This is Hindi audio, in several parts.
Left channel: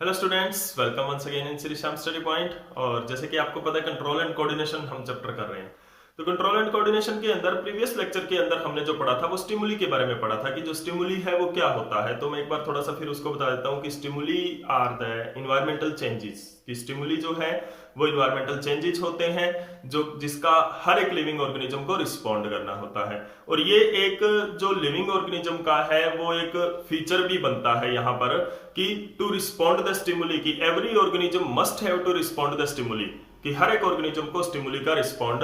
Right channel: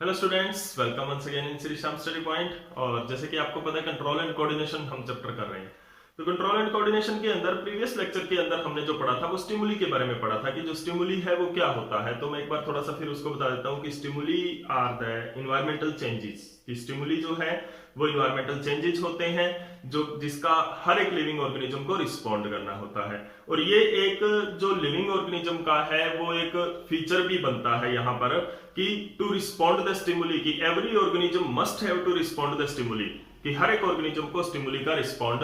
Hello students, welcome once again in Shri Shyam study point. और जैसे कि आपको पता है कंट्रोल एंड कोऑर्डिनेशन हम चैप्टर कर रहे हैं। तो कंट्रोल एंड कोऑर्डिनेशन के अंदर प्रीवियस लेक्चर के अंदर हमने जो पढ़ा था वो स्टिमुली के बारे में पढ़ा था कि जो स्टिमुली है वो क्या होता है। तो मैं एक बार थोड़ा सा फिर उसको बता देता हूँ कि stimuli are the environmental changes. कि स्टिमुली जो है वो इन्वायरमेंटल चेंजेस होते हैं जो जिसका हर एक लिविंग ऑर्गेनिज्म को रिस्पॉन्ड करना होता है। और ये एक जो लिविंग ऑर्गेनिज्म का है वो एक फीचर भी बनता है यहाँ पर कि टू रिस्पॉन्ड द स्टिमुली, कि every organism must have to respond the stimuli, कि हर एक ऑर्गेनिज्म को स्टिमुली का रिस्पॉन्ड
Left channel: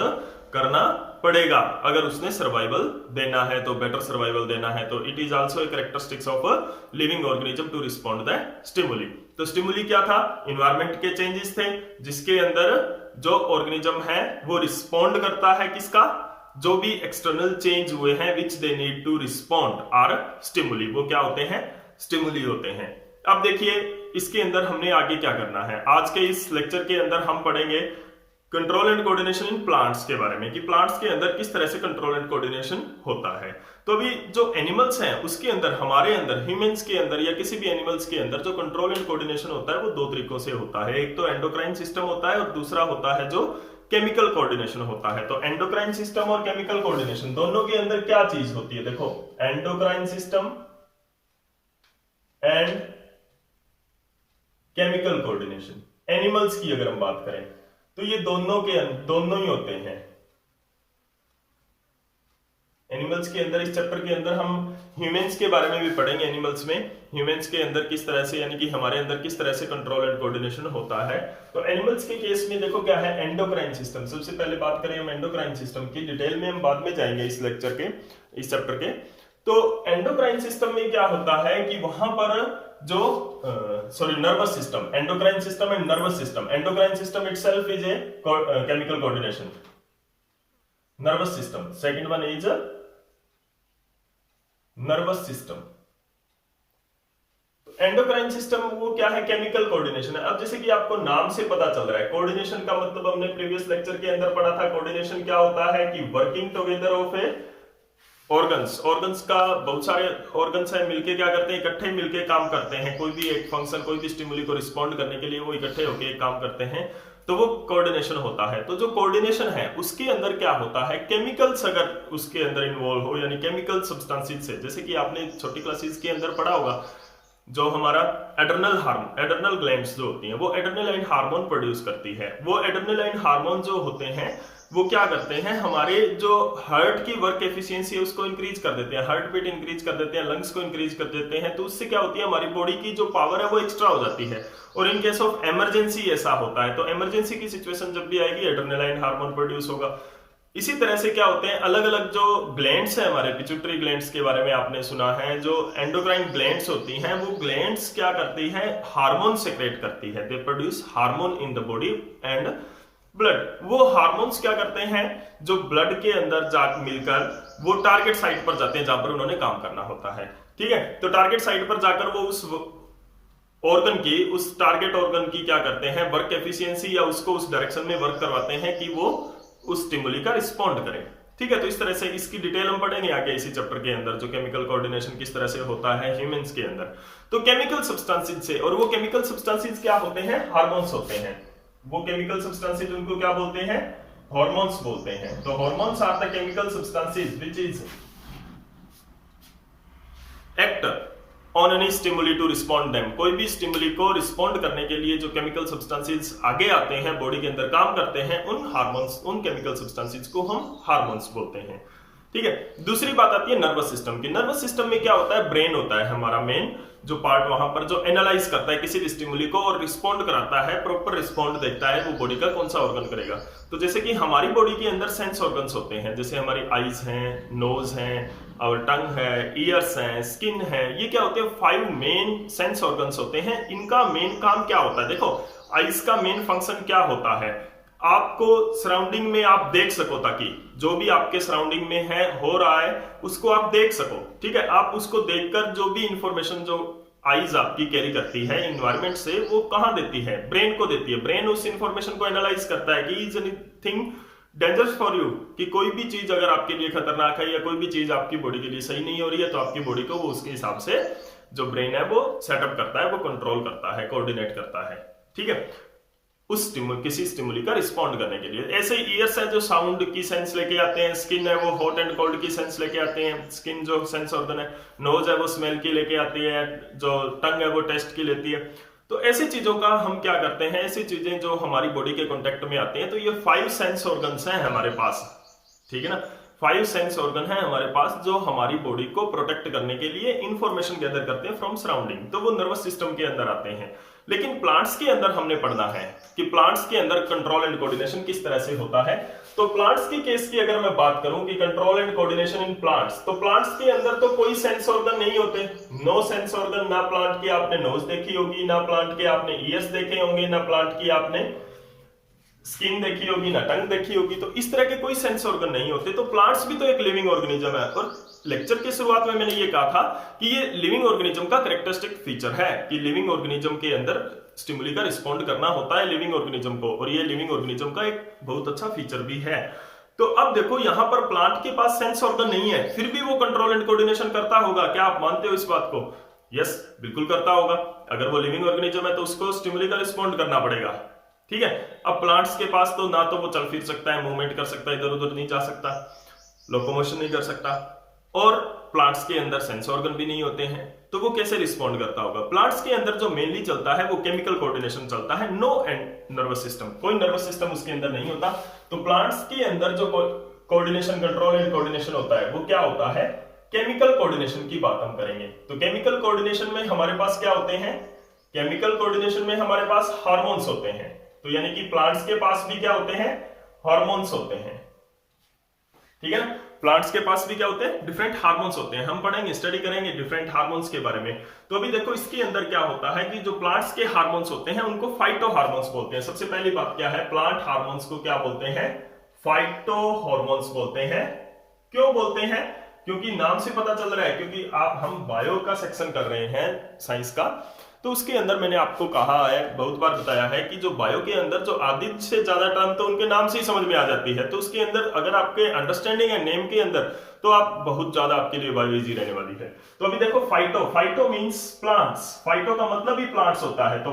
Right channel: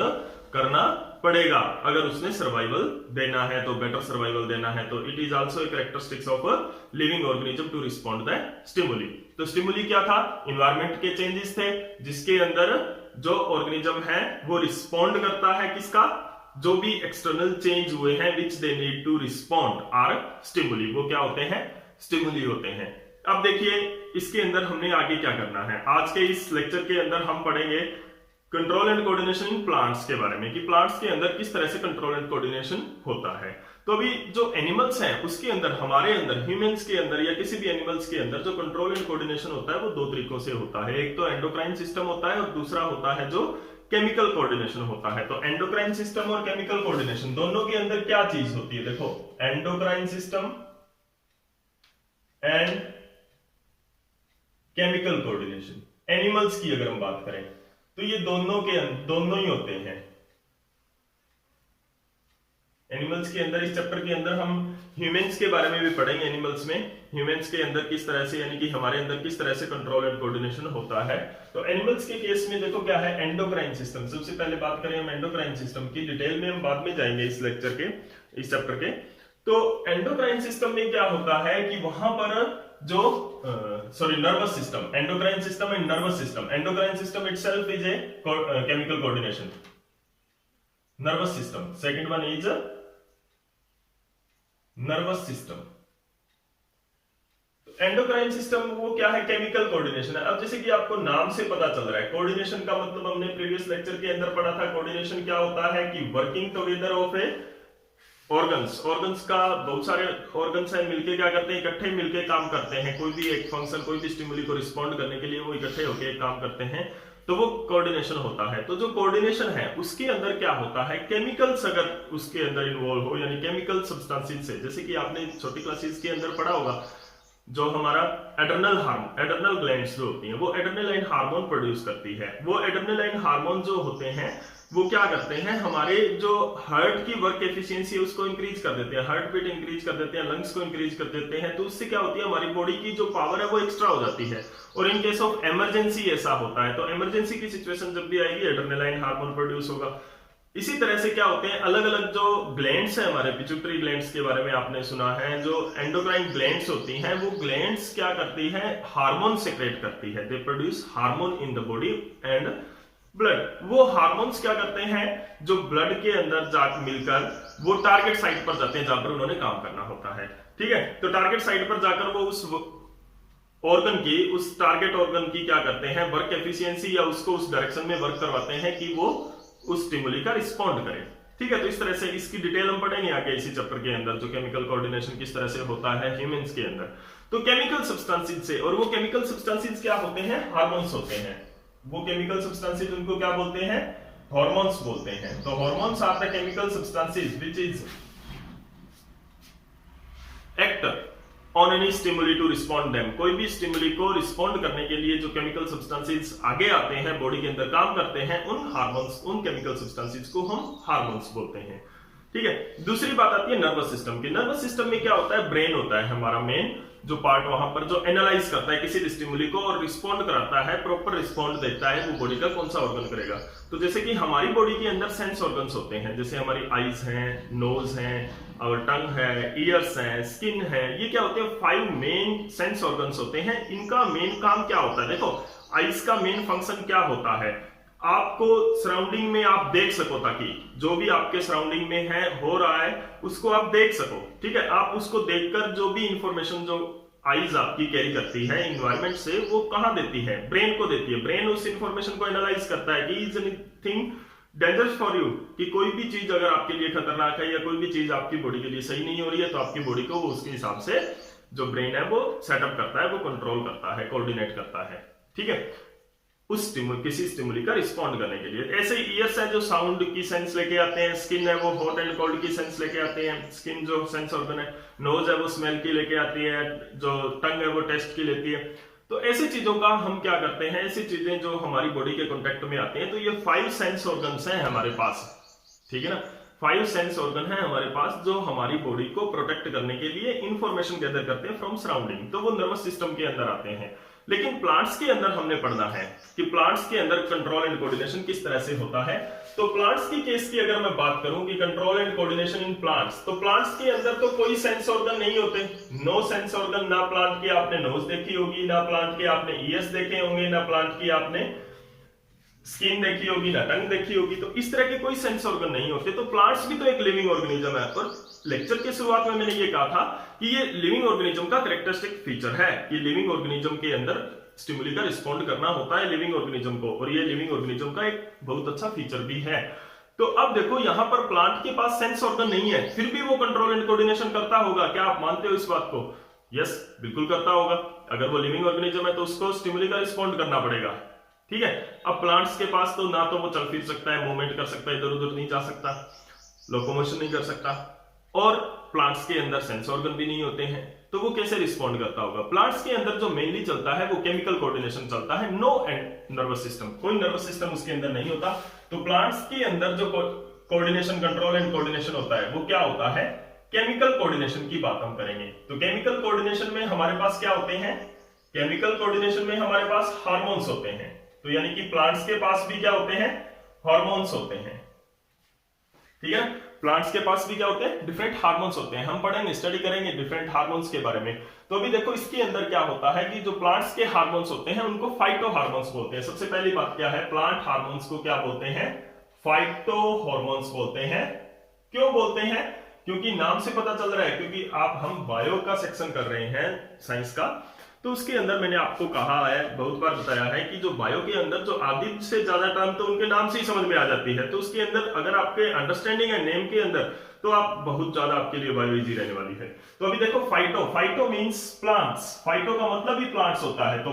करना पड़ेगा अगर उसने सर्वाइवल देना है, तो बेटर सर्वाइवल देना है। तो it is also a characteristics of a living organism to respond the stimuli. तो स्टिमुली क्या था? इन्वायरमेंट के चेंजेस थे जिसके अंदर जो ऑर्गेनिज्म है वो रिस्पॉन्ड करता है किसका? जो भी एक्सटर्नल चेंज हुए हैं which they need to respond are stimuli, वो क्या होते हैं? स्टिमुली होते हैं। अब देखिए इसके अंदर हमने आगे क्या करना है। आज के इस लेक्चर के अंदर हम पढ़ेंगे control and coordination in plants के बारे में, कि प्लांट्स के अंदर किस तरह से कंट्रोल एंड कोऑर्डिनेशन होता है। तो अभी जो एनिमल्स हैं उसके अंदर, हमारे अंदर, ह्यूमंस के अंदर या किसी भी एनिमल्स के अंदर जो कंट्रोल एंड कोऑर्डिनेशन होता है वो दो तरीकों से होता है। एक तो एंडोक्राइन सिस्टम होता है और दूसरा होता है जो केमिकल कोऑर्डिनेशन होता है। तो एंडोक्राइन सिस्टम और केमिकल कोऑर्डिनेशन दोनों के अंदर क्या चीज होती है? देखो, endocrine system and chemical coordination, animals की अगर हम बात करें तो ये दोनों ही होते हैं। एनिमल्स के अंदर, इस चैप्टर के अंदर हम ह्यूमंस के बारे में भी पढ़ेंगे। एनिमल्स में ह्यूमंस के अंदर किस तरह से, यानी कि हमारे अंदर किस तरह से कंट्रोल एंड कोऑर्डिनेशन होता है। तो एनिमल्स के केस में देखो क्या है, एंडोक्राइन सिस्टम। सबसे पहले बात करें हम एंडोक्राइन सिस्टम की, डिटेल में हम बाद में जाएंगे इस लेक्चर के, इस चैप्टर के। तो एंडोक्राइन सिस्टम में क्या होता है कि वहां पर जो nervous system, endocrine system and nervous system. Endocrine system itself is a chemical coordination, nervous system second one is nervous system. Endocrine system वो क्या है? केमिकल कोऑर्डिनेशन है। अब जैसे कि आपको नाम से पता चल रहा है, कोऑर्डिनेशन का मतलब हमने प्रीवियस लेक्चर के अंदर पढ़ा था। कोऑर्डिनेशन क्या होता है कि working together of A organs का बहुत सारे ऑर्गन्स है, मिलके क्या करते हैं? इकट्ठे मिलके काम करते हैं। कोई भी एक फंक्शन, कोई भी स्टिमुली को रिस्पॉन्ड करने के लिए वो इकट्ठे होके एक काम करते हैं, तो वो कोऑर्डिनेशन होता है। तो जो कोऑर्डिनेशन है उसके अंदर क्या होता है, केमिकल्स अगर उसके अंदर इन्वॉल्व हो, यानी केमिकल सब्सटेंसेस से, जैसे कि आपने छोटी क्लासेस के अंदर पढ़ा होगा, जो हमारा एड्रेनल ग्लैंड्स जो होती हैं वो एड्रेनालाइन हार्मोन प्रोड्यूस करती है। वो एड्रेनालाइन हार्मोन जो होते हैं वो क्या करते हैं, हमारे जो हार्ट की वर्क एफिशिएंसी है उसको इंक्रीज कर देते हैं, हार्ट बीट इंक्रीज कर देते हैं, लंग्स को इंक्रीज कर देते हैं। तो उससे क्या होती है, हमारी बॉडी की जो पावर है वो एक्स्ट्रा हो जाती है। और इन केस ऑफ इमरजेंसी ऐसा होता है, तो इमरजेंसी की सिचुएशन जब भी आएगी एड्रेनालाइन हार्मोन प्रोड्यूस होगा। इसी तरह से क्या होते हैं, अलग अलग जो ग्लैंड्स है हमारे, पिट्यूटरी ग्लैंड्स के बारे में आपने सुना है, जो एंडोक्राइन ग्लैंड्स होती हैं वो ग्लैंड्स क्या करती हैं, हार्मोन सेक्रेट करती है। They produce hormone in the body and blood. वो हार्मोन्स क्या करते हैं, जो ब्लड के अंदर जाकर मिलकर वो टारगेट साइट पर जाते हैं जहां पर उन्होंने काम करना होता है। ठीक है, तो टारगेट साइट पर जाकर वो उस ऑर्गन की, उस टारगेट ऑर्गन की क्या करते हैं, वर्क एफिशिएंसी या उसको उस डायरेक्शन में वर्क करवाते हैं कि वो उस स्टिमुली का रिस्पॉन्ड करे। ठीक है, तो इस तरह से इसकी डिटेल हम पढ़ेंगे आगे इसी चैप्टर के अंदर, जो केमिकल कोऑर्डिनेशन किस तरह से होता है ह्यूमंस के अंदर। तो केमिकल सब्सटेंसेस से, और वो केमिकल सब्सटेंसेस क्या होते हैं, हार्मोन्स होते हैं। वो केमिकल सब्सटेंसेस उनको क्या बोलते हैं, हार्मोन्स बोलते हैं। तो hormones are the chemical substances which is act on any stimuli to respond them. कोई भी स्टिमुली को रिस्पॉन्ड करने के लिए जो केमिकल सब्सटेंसेस आगे आते हैं, बॉडी के अंदर काम करते हैं, उन हार्मोन्स, उन केमिकल सब्सटेंसेस को हम हार्मोन्स बोलते हैं। ठीक है, दूसरी बात आती है नर्वस सिस्टम की। नर्वस सिस्टम में क्या होता है, ब्रेन होता है हमारा मेन जो पार्ट, वहां पर जो एनालाइज करता है किसी भी स्टिमुली को और रिस्पॉन्ड कराता है, प्रॉपर रिस्पॉन्ड देखता है वो बॉडी का कौन सा ऑर्गन करेगा। तो जैसे कि हमारी बॉडी के अंदर सेंस ऑर्गन्स होते हैं, जैसे हमारी आईज हैं, नोज हैं, और टंग है, ईयर्स हैं, स्किन है, ये क्या होते हैं, 5 मेन सेंस ऑर्गन्स होते हैं। इनका मेन काम क्या होता है, देखो आईज का मेन फंक्शन क्या होता है, आपको सराउंडिंग में आप देख सको, ताकि जो भी आपके सराउंडिंग में है, हो रहा है, उसको आप देख सको। ठीक है, आप उसको देखकर जो भी इंफॉर्मेशन जो आईज आपकी कैरी करती है इन्वायरमेंट से, वो कहां देती है, ब्रेन को देती है। ब्रेन उस इंफॉर्मेशन को एनालाइज करता है कि is anything dangerous for you, कि कोई भी चीज अगर आपके लिए खतरनाक है या कोई भी चीज आपकी बॉडी के लिए सही नहीं हो रही है, तो आपकी बॉडी को वो उसके हिसाब से जो ब्रेन है वो सेटअप करता है, वो कंट्रोल करता है, कोऑर्डिनेट करता है, ठीक है, उस किसी स्टिमुली का रिस्पॉन्ड करने के लिए। ऐसे ईयर्स है जो साउंड की सेंस लेके आते हैं, स्किन है वो हॉट एंड कोल्ड की सेंस लेके आते हैं, स्किन जो सेंस ऑर्गन है, नोज है वो स्मेल की लेके आती है, जो टंग है वो टेस्ट की लेती है। तो ऐसी चीजों का हम क्या करते हैं, ऐसी चीजें जो हमारी बॉडी के कॉन्टेक्ट में आती हैं, तो ये 5 सेंस ऑर्गन्स हैं हमारे पास, ठीक है ना, 5 सेंस ऑर्गन है हमारे पास जो हमारी बॉडी को प्रोटेक्ट करने के लिए इंफॉर्मेशन गैदर करते हैं फ्रॉम सराउंडिंग, तो वो नर्वस सिस्टम के अंदर आते हैं। लेकिन प्लांट्स के अंदर हमने पढ़ना है कि प्लांट्स के अंदर कंट्रोल एंड कोऑर्डिनेशन किस तरह से होता है। तो प्लांट्स की केस की अगर मैं बात करूं कि control and coordination in plants, तो प्लांट्स के अंदर तो कोई सेंस ऑर्गन नहीं होते, नो सेंस ऑर्गन, ना प्लांट की आपने नोज देखी होगी, ना प्लांट के आपने ईयर्स देखे होंगे, ना प्लांट की आपने स्किन देखी होगी, ना टंग देखी होगी, तो इस तरह के कोई सेंस ऑर्गन नहीं होते। तो प्लांट्स भी तो एक लिविंग ऑर्गेनिज्म है, और लेक्चर के शुरुआत में मैंने ये कहा था कि ये लिविंग ऑर्गेनिज्म का कैरेक्टरिस्टिक फीचर है कि लिविंग ऑर्गेनिज्म के अंदर स्टिमुली का रिस्पॉन्ड करना होता है लिविंग ऑर्गेनिज्म को, और ये लिविंग ऑर्गेनिज्म का एक बहुत अच्छा फीचर भी है। तो अब देखो यहां पर प्लांट के पास सेंस ऑर्गन नहीं है, फिर भी वो कंट्रोल एंड कोऑर्डिनेशन करता होगा, क्या आप मानते हो इस बात को? यस, बिल्कुल करता होगा। अगर वो लिविंग ऑर्गेनिज्म है तो उसको स्टिमुली का रिस्पॉन्ड करना पड़ेगा, ठीक है। अब प्लांट्स के पास तो ना तो वो चल फिर सकता है, मूवमेंट कर सकता है, इधर उधर नहीं जा सकता, लोकोमोशन नहीं कर सकता, और प्लांट्स के अंदर सेंस ऑर्गन भी नहीं होते हैं, तो वो कैसे रिस्पॉन्ड करता होगा? प्लांट्स के अंदर जो मेनली चलता है वो केमिकल कोऑर्डिनेशन चलता है, नो एंड नर्वस सिस्टम, कोई नर्वस सिस्टम उसके अंदर नहीं होता। तो प्लांट्स के अंदर जो कोऑर्डिनेशन, कंट्रोल एंड कोऑर्डिनेशन होता है वो क्या होता है? केमिकल कोऑर्डिनेशन की बात हम करेंगे। तो केमिकल कोऑर्डिनेशन में हमारे पास क्या होते हैं? केमिकल कोऑर्डिनेशन में हमारे पास हार्मोन्स होते हैं, तो यानी कि प्लांट्स के पास भी क्या होते हैं? हार्मोन्स होते हैं, ठीक है। प्लांट्स के पास भी क्या होते हैं? डिफरेंट हार्मोन्स होते हैं। हम पढ़ेंगे, स्टडी करेंगे डिफरेंट हार्मोन्स के बारे में। तो अभी देखो इसके अंदर क्या होता है कि जो प्लांट्स के हार्मोन्स होते हैं उनको फाइटो हार्मोन्स बोलते हैं। सबसे पहली बात क्या है, प्लांट हार्मोन्स को क्या बोलते हैं? फाइटो हार्मोन्स बोलते हैं। क्यों बोलते हैं? क्योंकि नाम से पता चल रहा है, क्योंकि हम बायो का सेक्शन कर रहे हैं साइंस का, तो उसके अंदर मैंने आपको कहा है, बहुत बार बताया है कि जो बायो के अंदर जो आधी से ज्यादा टर्म तो उनके नाम से ही समझ में आ जाती है। तो उसके अंदर अगर आपके अंडरस्टैंडिंग है नेम के अंदर, तो आप बहुत ज्यादा आपके लिए बायो इजी रहने वाली है। तो अभी देखो phyto, phyto means plants, phyto का मतलब ही प्लांट्स होता है, तो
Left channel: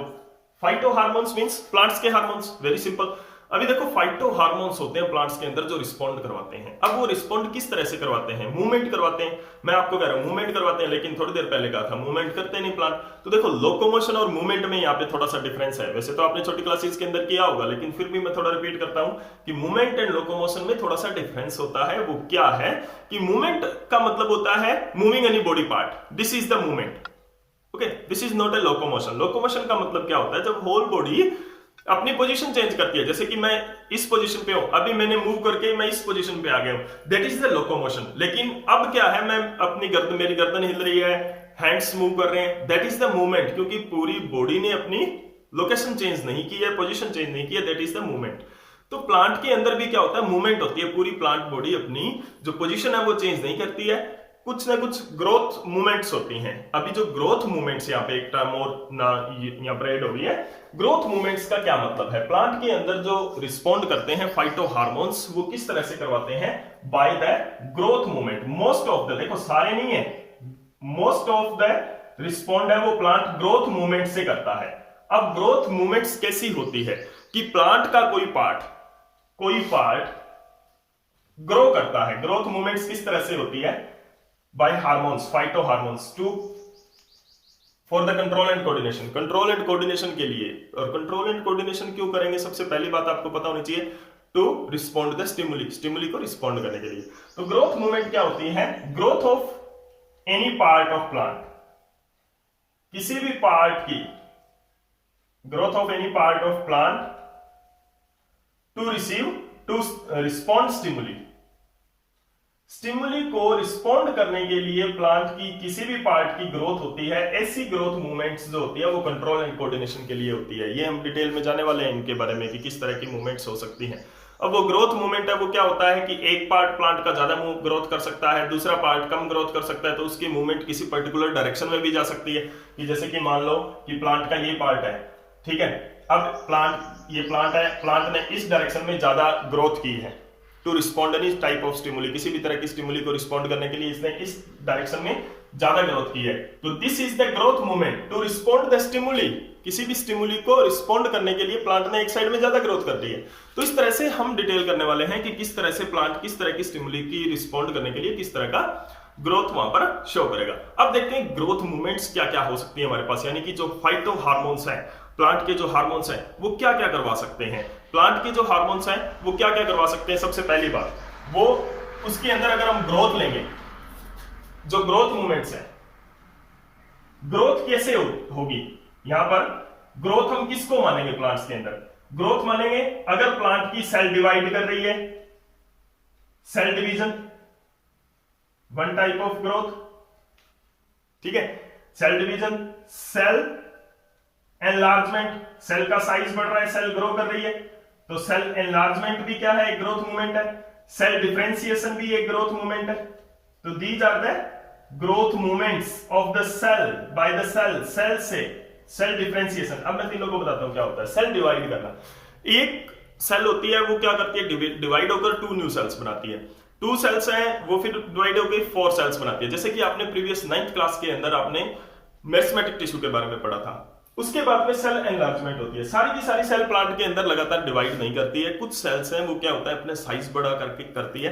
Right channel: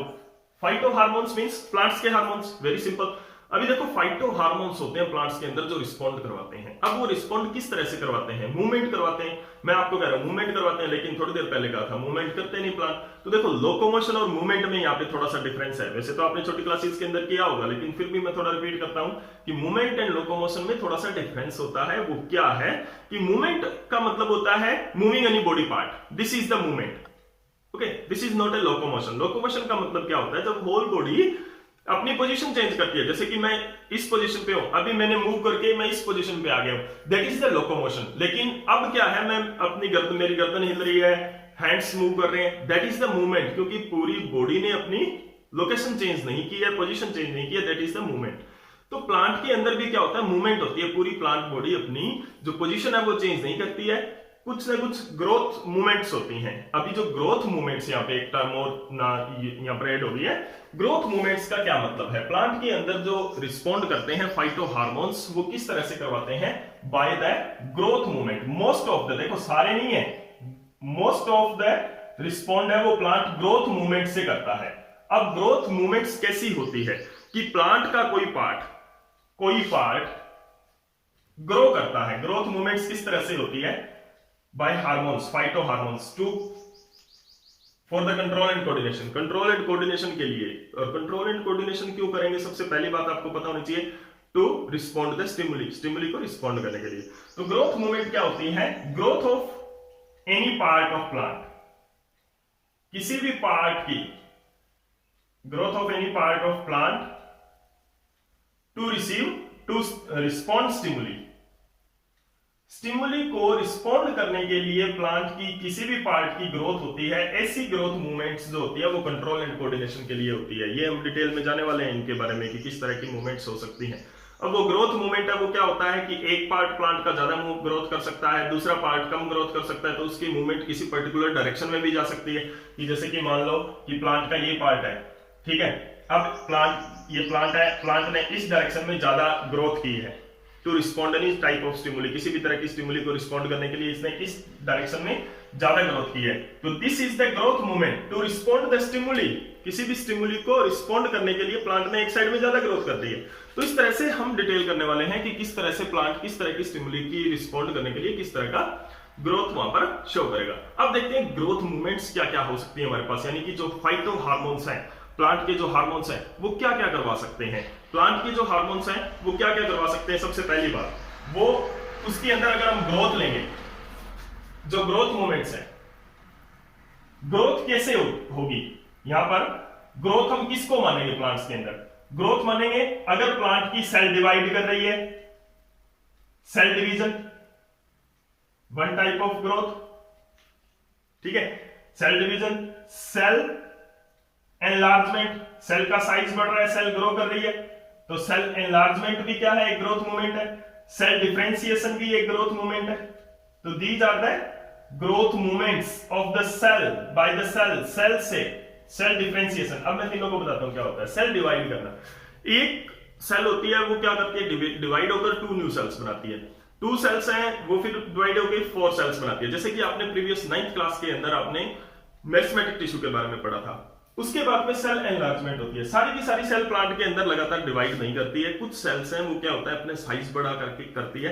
फाइटो हार्मोन्स मींस प्लांट्स के हार्मोन्स, वेरी सिंपल। अभी देखो फाइटो हार्मोन्स होते हैं प्लांट्स के अंदर जो रिस्पॉन्ड करवाते हैं। अब वो रिस्पॉन्ड किस तरह से करवाते हैं? मूवमेंट करवाते हैं। मैं आपको कह रहा हूं मूवमेंट करवाते हैं, लेकिन थोड़ी देर पहले कहा था मूवमेंट करते नहीं प्लांट। तो देखो लोकोमोशन और मूवमेंट में यहाँ पे थोड़ा सा डिफरेंस है। वैसे तो आपने छोटी क्लासेस के अंदर किया होगा, लेकिन फिर भी मैं थोड़ा रिपीट करता हूं कि मूवमेंट एंड लोकोमोशन में थोड़ा सा डिफरेंस होता है। वो क्या है कि मूवमेंट का मतलब होता है moving any body part, this is the movement, okay, this is not a locomotion. Locomotion का मतलब क्या होता है? जब होल बॉडी अपनी पोजीशन चेंज करती है, जैसे कि मैं इस पोजीशन पे हूं, अभी मैंने मूव करके मैं इस पोजीशन पे आ गया हूं, दैट इज द लोकोमोशन। लेकिन अब क्या है, मैं अपनी गर्दन, मेरी गर्दन हिल रही है, हैंड्स मूव कर रहे हैं, दैट इज द मूवमेंट, क्योंकि पूरी बॉडी ने अपनी लोकेशन चेंज नहीं की है, पोजीशन चेंज नहीं की है, दैट इज द मूवमेंट। तो प्लांट के अंदर भी क्या होता है? मूवमेंट होती है, पूरी प्लांट बॉडी अपनी जो पोजीशन है वो चेंज नहीं करती है, कुछ ना कुछ ग्रोथ मूवमेंट्स होती हैं। अभी जो ग्रोथ मूवमेंट्स, यहाँ पे एक टर्म और ना यहाँ पर ऐड हो गई है, ग्रोथ मूवमेंट्स का क्या मतलब है? प्लांट के अंदर जो रिस्पॉन्ड करते हैं फाइटो हार्मोन्स, वो किस तरह से करवाते हैं? By the growth movement. Most of the, देखो सारे नहीं है, मोस्ट ऑफ द रिस्पॉन्ड है वो प्लांट ग्रोथ मूवमेंट से करता है। अब ग्रोथ मूवमेंट्स कैसी होती है कि प्लांट का कोई पार्ट ग्रो करता है। ग्रोथ मूवमेंट्स किस तरह से होती है? By hormones, phytohormones, to for the control and coordination, control and coordination के लिए। और कंट्रोल एंड कोऑर्डिनेशन क्यों करेंगे? सबसे पहली बात आपको पता होनी चाहिए, to respond the stimuli, stimuli को रिस्पॉन्ड करने के लिए। तो ग्रोथ मूवमेंट क्या होती है? Growth of any part of plant, किसी भी पार्ट की growth of any part of plant to receive, to respond stimuli, stimuli को रिस्पॉन्ड करने के लिए प्लांट की किसी भी पार्ट की ग्रोथ होती है। ऐसी ग्रोथ मूवमेंट्स जो होती है वो कंट्रोल एंड कोऑर्डिनेशन के लिए होती है। ये हम डिटेल में जाने वाले हैं इनके बारे में कि किस तरह की मूवमेंट्स हो सकती हैं। अब वो ग्रोथ मूवमेंट है वो क्या होता है कि एक पार्ट प्लांट का ज्यादा ग्रोथ कर सकता है, दूसरा पार्ट कम ग्रोथ कर सकता है, तो उसकी मूवमेंट किसी पर्टिकुलर डायरेक्शन में भी जा सकती है। कि जैसे कि मान लो कि प्लांट का ये पार्ट है, ठीक है, अब ये प्लांट है, प्लांट ने इस डायरेक्शन में ज्यादा ग्रोथ की है to respond any type of stimuli, किसी भी तरह की स्टिमुली को रिस्पॉन्ड करने के लिए इसने इस डायरेक्शन में ज्यादा ग्रोथ की है। तो this is the growth movement to respond the stimuli, किसी भी स्टिमुली को रिस्पॉन्ड करने के लिए प्लांट ने एक साइड में ज्यादा ग्रोथ कर दी है। तो इस तरह से हम डिटेल करने वाले हैं कि किस तरह से प्लांट किस तरह की स्टिमुली की रिस्पॉन्ड करने के लिए किस तरह का ग्रोथ वहां पर शो करेगा। अब देखते हैं ग्रोथ मूवमेंट्स क्या क्या हो सकती है हमारे पास, यानी कि जो फाइटो हार्मोन्स हैं, प्लांट के जो हार्मोन्स हैं वो क्या क्या करवा सकते हैं। प्लांट के जो हार्मोन्स हैं वो क्या क्या करवा सकते हैं। सबसे पहली बात वो उसके अंदर अगर हम ग्रोथ लेंगे, जो ग्रोथ मूवमेंट्स है, ग्रोथ कैसे होगी। यहां पर ग्रोथ हम किसको मानेंगे, प्लांट्स के अंदर ग्रोथ मानेंगे अगर प्लांट की सेल डिवाइड कर रही है, cell division one type of growth, ठीक है, cell division, cell enlargement, cell का साइज बढ़ रहा है, सेल ग्रो कर रही है, तो सेल एनलार्जमेंट भी क्या है, एक ग्रोथ मूवमेंट है। सेल डिफरेंशिएशन भी एक ग्रोथ मूवमेंट है। तो these are the growth movements of the cell by the cell, cell से सेल डिफरेंशिएशन। अब मैं तीनों को बताता हूं क्या होता है। सेल डिवाइड करना, एक सेल होती है वो क्या करती है, डिवाइड होकर टू न्यू सेल्स बनाती है। टू सेल्स हैं वो फिर डिवाइड होकर फोर सेल्स बनाती है। जैसे कि आपने प्रीवियस 9th क्लास के अंदर आपने मेरिस्टेमेटिक टिश्यू के बारे में पढ़ा था। उसके बाद में सेल एनलार्जमेंट होती है। सारी की सारी सेल प्लांट के अंदर लगातार डिवाइड नहीं करती है। कुछ सेल्स हैं वो क्या होता है अपने साइज बड़ा करके करती है,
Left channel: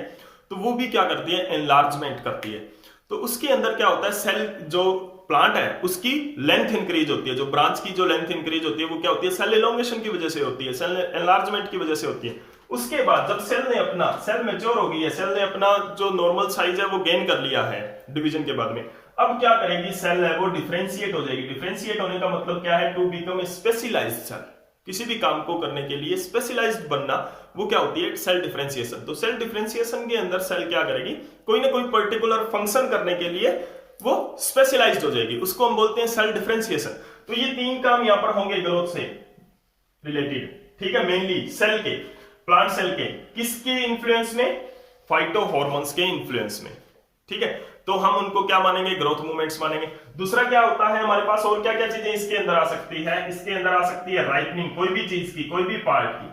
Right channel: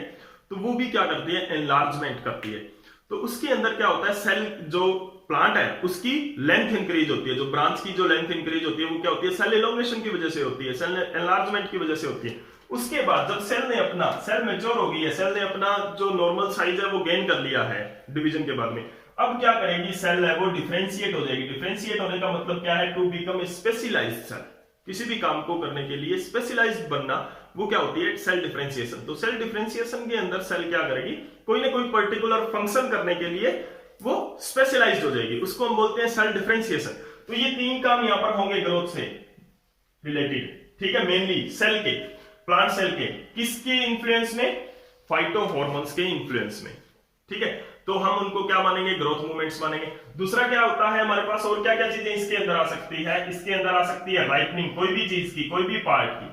तो वो भी क्या करती है, एनलार्जमेंट करती है। तो उसके अंदर क्या होता है, सेल जो प्लांट है उसकी लेंथ इंक्रीज होती है, जो ब्रांच की जो लेंथ इंक्रीज होती है वो क्या होती है, सेल एलोंगेशन की वजह से होती है, सेल एनलार्जमेंट की वजह से होती है। उसके बाद जब सेल मैच्योर हो गई है, सेल ने अपना जो नॉर्मल साइज है वो गेन कर लिया है डिवीजन के बाद में, अब क्या करेगी, सेल है वो डिफरेंशिएट हो जाएगी। डिफरेंशिएट होने का मतलब क्या है, to become a specialised cell. किसी भी काम को करने के लिए स्पेशलाइज्ड बनना, वो क्या होती है, सेल डिफरेंशिएशन। तो सेल डिफरेंशिएशन के अंदर सेल क्या करेगी, कोई ना कोई पर्टिकुलर फंक्शन करने के लिए वो स्पेशलाइज्ड हो जाएगी, उसको हम बोलते हैं सेल डिफरेंशिएशन। तो ये तीन काम यहां पर होंगे ग्रोथ से रिलेटेड, ठीक है, मेनली सेल के, प्लांट सेल के, किसके इन्फ्लुएंस में, फाइटो हार्मोन्स के इन्फ्लुएंस में, ठीक है। तो हम उनको क्या मानेंगे, ग्रोथ मूवमेंट्स मानेंगे। दूसरा क्या होता है हमारे पास, और क्या क्या चीजें इसके अंदर आ सकती है, इसके अंदर आ सकती है राइपनिंग, कोई भी चीज की, कोई भी पार्ट की,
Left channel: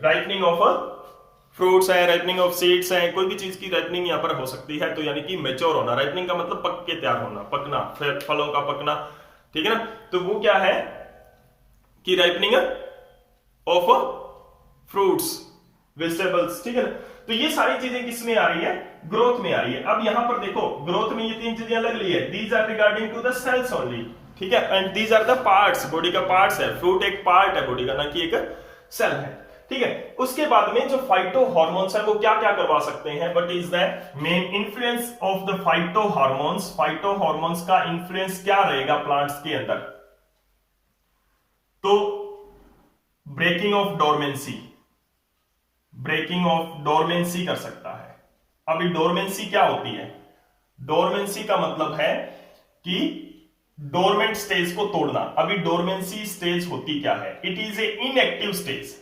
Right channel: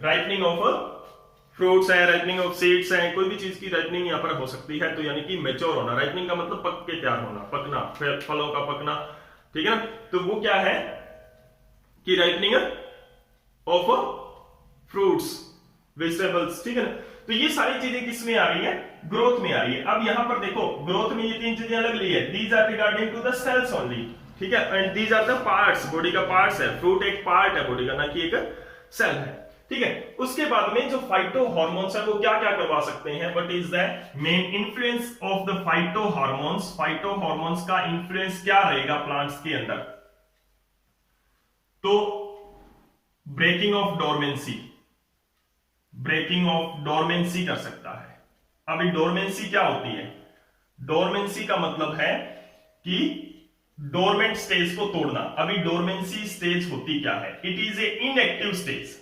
राइपनिंग ऑफ फ्रूट्स है, राइपनिंग ऑफ सीड्स है, कोई भी चीज की राइपनिंग यहां पर हो सकती है। तो यानी कि मैच्योर होना, राइपनिंग का मतलब पक के तैयार होना, पकना, फलों का पकना, ठीक है ना। तो वो क्या है कि राइपनिंग ऑफ फ्रूट्स, वेजिटेबल्स, ठीक है ना। तो ये सारी चीजें किस में आ रही है, ग्रोथ में आ रही है। अब यहां पर देखो ग्रोथ में ये तीन चीजें अलग ली है, these are regarding to the cells only, ठीक है, and these are the parts, body का पार्ट्स है, फ्रूट एक पार्ट है बॉडी का, ना कि एक सेल है, ठीक है। उसके बाद में जो फाइटो हार्मोन्स है वो क्या क्या करवा सकते हैं, what is the main influence of the phytohormones, phytohormones का इन्फ्लुएंस क्या रहेगा प्लांट्स के अंदर। तो breaking of dormancy, breaking of dormancy कर सकता है। अभी डोरमेंसी क्या होती है, डोरमेंसी का मतलब है कि डोरमेंट स्टेज को तोड़ना। अभी डोरमेंसी स्टेज होती क्या है, it is a inactive stage,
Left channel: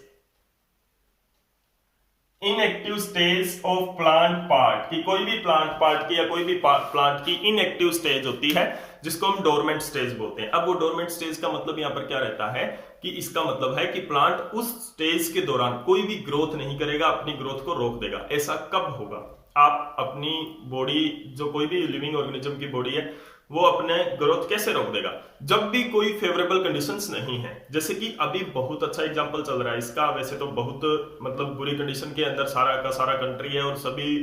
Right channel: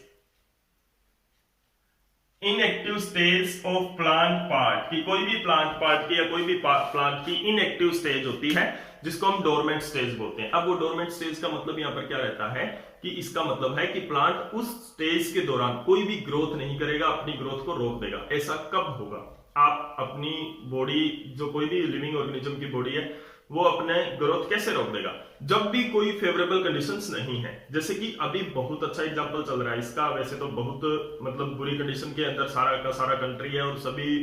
inactive stage of plant part की, कोई भी प्लांट पार्ट की या कोई भी प्लांट की इनएक्टिव स्टेज होती है जिसको हम डोरमेंट स्टेज बोलते हैं। अब वो डोरमेंट स्टेज का मतलब यहां पर क्या रहता है कि इसका मतलब है कि प्लांट उस स्टेज के दौरान कोई भी ग्रोथ नहीं करेगा, अपनी ग्रोथ को रोक देगा। ऐसा कब होगा, आप अपनी बॉडी, जो कोई भी लिविंग ऑर्गेनिज्म की बॉडी है, वो अपने ग्रोथ कैसे रोक देगा, जब भी कोई फेवरेबल कंडीशंस नहीं है। जैसे कि अभी बहुत अच्छा एग्जांपल चल रहा है इसका, वैसे तो बहुत मतलब बुरी कंडीशन के अंदर सारा का सारा कंट्री है और सभी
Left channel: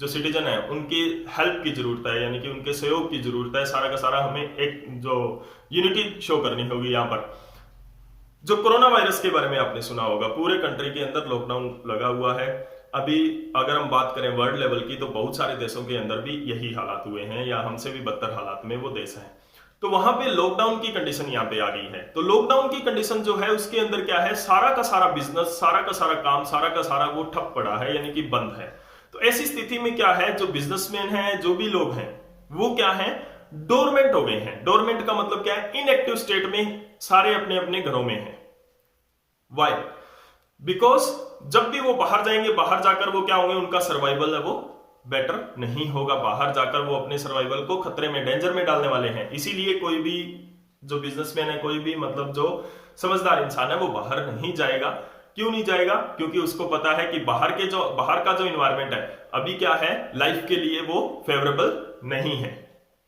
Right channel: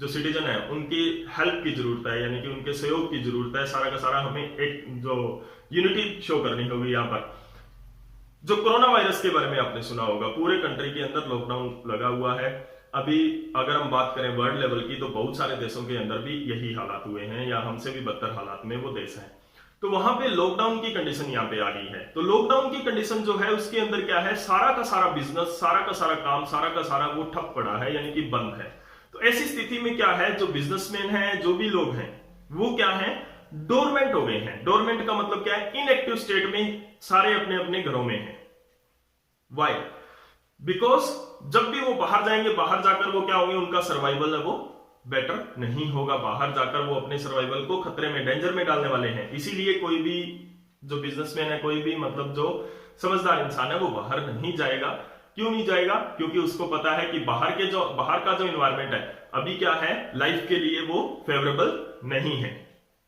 जो सिटीजन है उनकी हेल्प की जरूरत है, यानी कि उनके सहयोग की जरूरत है। सारा का सारा हमें एक जो यूनिटी शो करनी होगी। यहाँ पर जो कोरोना वायरस के बारे में आपने सुना होगा, पूरे कंट्री के अंदर लॉकडाउन लगा हुआ है। अभी अगर हम बात करें वर्ल्ड लेवल की, तो बहुत सारे देशों के अंदर भी यही हालात हुए हैं, या हमसे भी बदतर हालात में वो देश है। तो वहां पे लॉकडाउन की कंडीशन यहाँ पे आ गई है। तो लॉकडाउन की कंडीशन जो है उसके अंदर क्या है, सारा का सारा बिजनेस, सारा का सारा काम, सारा का सारा वो ठप पड़ा है, यानी कि बंद है। तो ऐसी स्थिति में क्या है, जो बिजनेसमैन है, जो भी लोग हैं, वो क्या है, डोरमेंट हो गए हैं। डोरमेंट का मतलब क्या है, इनएक्टिव स्टेट में सारे अपने अपने घरों में हैं। वाई, बिकॉज जब भी वो बाहर जाएंगे, बाहर जाकर वो क्या होंगे, उनका सर्वाइवल है वो बेटर नहीं होगा। बाहर जाकर वो अपने सर्वाइवल को खतरे में, डेंजर में डालने वाले हैं। इसीलिए कोई भी जो बिजनेसमैन है, कोई भी मतलब जो समझदार इंसान है, वो बाहर नहीं जाएगा, क्यों नहीं जाएगा? क्योंकि उसको पता है कि बाहर का जो इन्वायरमेंट है अभी क्या है, लाइफ के लिए वो फेवरेबल नहीं है।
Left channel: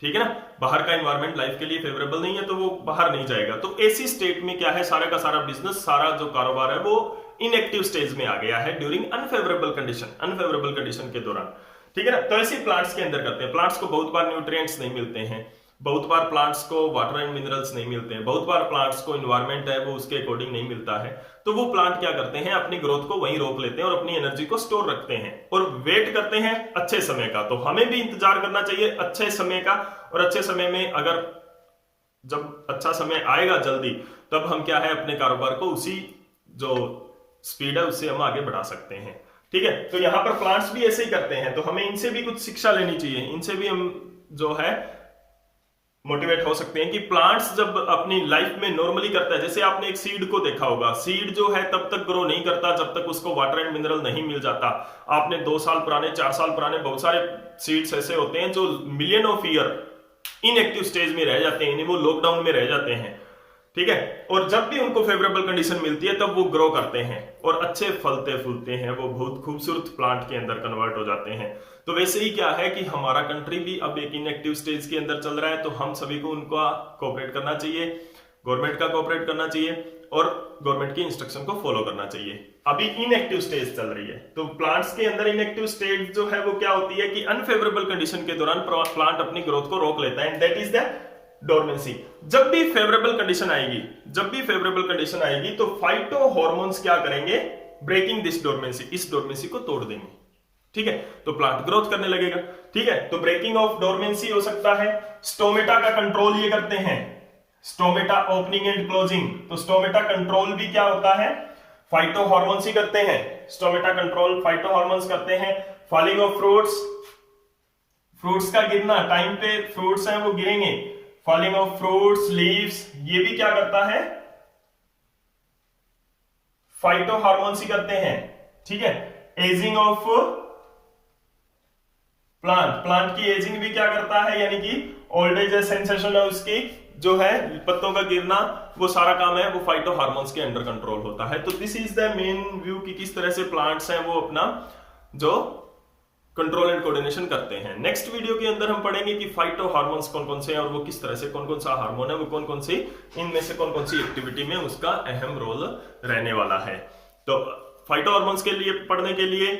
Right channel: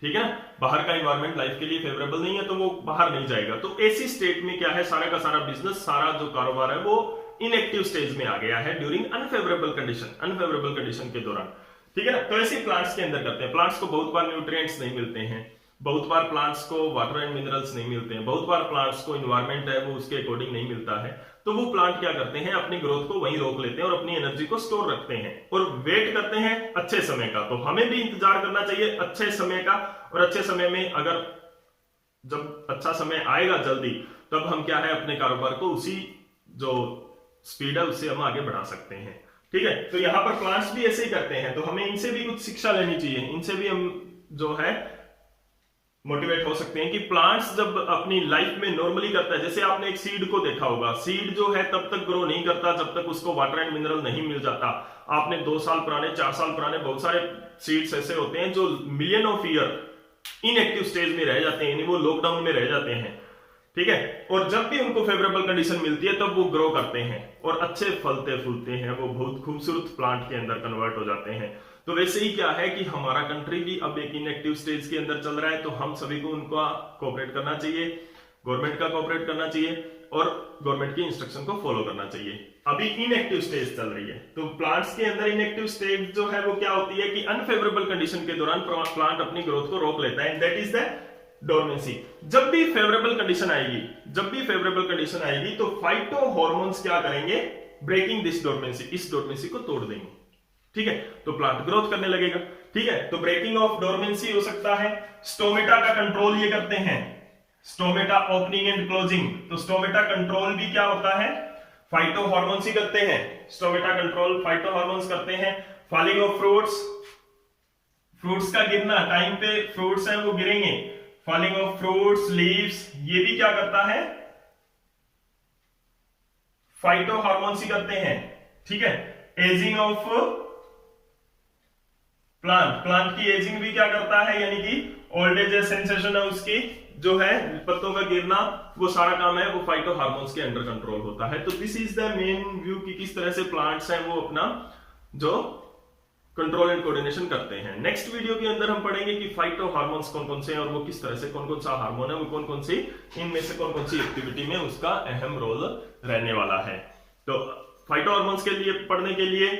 ठीक है ना, बाहर का इन्वायरमेंट लाइफ के लिए फेवरेबल नहीं है तो वो बाहर नहीं जाएगा। तो ऐसी स्टेट में क्या है, सारा का सारा बिजनेस, सारा जो कारोबार है वो इनएक्टिव स्टेज में आ गया है ड्यूरिंग अनफेवरेबल कंडीशन के दौरान। ठीक है ना, तो ऐसे प्लांट्स के अंदर करते हैं। प्लांट्स को बहुत बार न्यूट्रिएंट्स नहीं मिलते हैं, बहुत बार प्लांट्स को वाटर एंड मिनरल्स नहीं मिलते हैं, बहुत बार प्लांट्स को इन्वायरमेंट है वो उसके अकॉर्डिंग नहीं मिलता है। तो वो प्लांट क्या करते हैं, अपनी ग्रोथ को वहीं रोक लेते हैं और अपनी एनर्जी को स्टोर रखते हैं और वेट करते हैं अच्छे समय का। तो हमें भी इंतजार करना चाहिए अच्छे समय का, और अच्छे समय में अगर जब अच्छा समय आएगा जल्दी, तब हम क्या है अपने कारोबार को उसी जो स्पीड है उससे हम आगे बढ़ा सकते हैं। ठीक है, तो यहाँ पर प्लांट्स भी ऐसे ही करते हैं, तो हमें इनसे भी कुछ शिक्षा लेनी चाहिए, इनसे भी हम जो है मोटिवेट हो सकते हैं कि प्लांट्स जब अपनी लाइफ में नॉर्मली करता है, जैसे आपने एक सीड को देखा होगा, सीड जो है तब तक ग्रो नहीं करता जब तक उसको वाटर एंड मिनरल नहीं मिल जाता। आपने 2 साल पुराने, 4 साल पुराने बहुत सारे सीड्स ऐसे होते हैं जो million of year inactive stage में रह जाते हैं, यानी वो लॉकडाउन में रह जाते हैं। ठीक है, और जब भी उनको फेवरेबल कंडीशन मिलती है तब वो ग्रो करते हैं और अच्छे फलते फूलते हैं, वो बहुत खूबसूरत प्लांट के अंदर कन्वर्ट हो जाते हैं। तो वैसे ही क्या है कि हमारा कंट्री भी अब एक इनएक्टिव स्टेज के अंदर चल रहा है, तो हम सभी को उनका कोऑपरेट करना चाहिए, गवर्नमेंट का कोऑपरेट करना चाहिए और गवर्नमेंट की इंस्ट्रक्शन को फॉलो करना चाहिए। अभी इनएक्टिव स्टेज चल रही है, तो प्लांट्स के अंदर इनएक्टिव स्टेज जो है वो क्या होती है कि अनफेवरेबल कंडीशन के दौरान प्लांट अपनी ग्रोथ को रोक लेता है, दैट इज द डोरमेंसी। जब भी फेवरेबल कंडीशन आएगी तो फाइटो हॉर्मोन्स क्या करेंगे, ब्रेकिंग दिस डोरमेंसी, इस डोरमेंसी को तोड़ देंगे। ठीक है, तो प्लांट ग्रोथ करने लगेगा। ठीक है, तो ब्रेकिंग ऑफ डोरमेंसी हो सकता है। स्टोमेटा का कंट्रोल ये करते हैं, स्टोमेटा ओपनिंग एंड क्लोजिंग। तो स्टोमेटा कंट्रोल भी क्या होता है, फाइटो हॉर्मोन्स ही करते हैं। स्टोमेटा कंट्रोल फाइटो हॉर्मोन्स करते हैं। फॉलिंग ऑफ फ्रूट्स का गिरना, टाइम पे फ्रूट्स हैं वो गिरेंगे। फॉलिंग ऑफ फ्रूट्स, लीव्स, ये भी क्या करता है, फाइटो हार्मोन्स ही करते हैं। ठीक है, एजिंग ऑफ प्लांट की एजिंग भी क्या करता है, यानी कि ओल्ड एज सेंसेशन है उसकी जो है, पत्तों का गिरना, वो सारा काम है वो फाइटो हार्मोन्स के अंडर कंट्रोल होता है। तो this is the main view कि किस तरह से प्लांट्स हैं वो अपना जो कंट्रोल एंड कोऑर्डिनेशन करते हैं। नेक्स्ट वीडियो के अंदर हम पढ़ेंगे कि फाइटो हार्मोन्स कौन कौन से हैं और वो किस तरह से, कौन कौन सा हार्मोन है वो कौन कौन सी, इनमें से कौन कौन सी एक्टिविटी में उसका अहम रोल रहने वाला है। तो फाइटो हार्मोन्स के लिए पढ़ने के लिए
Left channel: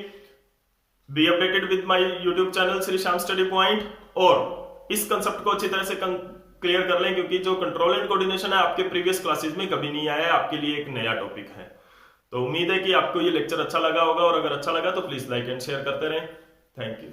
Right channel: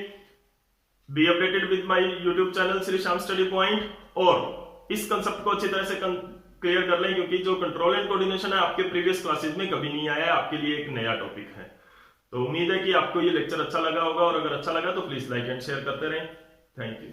be updated with my YouTube channel Shri Shyam study point, और इस कंसेप्ट को अच्छी तरह से क्लियर कर लें, क्योंकि जो कंट्रोल एंड कोऑर्डिनेशन है आपके प्रीवियस क्लासेस में कभी नहीं आया है, आपके लिए एक नया टॉपिक है। तो उम्मीद है कि आपको ये लेक्चर अच्छा लगा होगा, और अगर अच्छा लगा तो प्लीज लाइक एंड शेयर करते रहें। Thank you.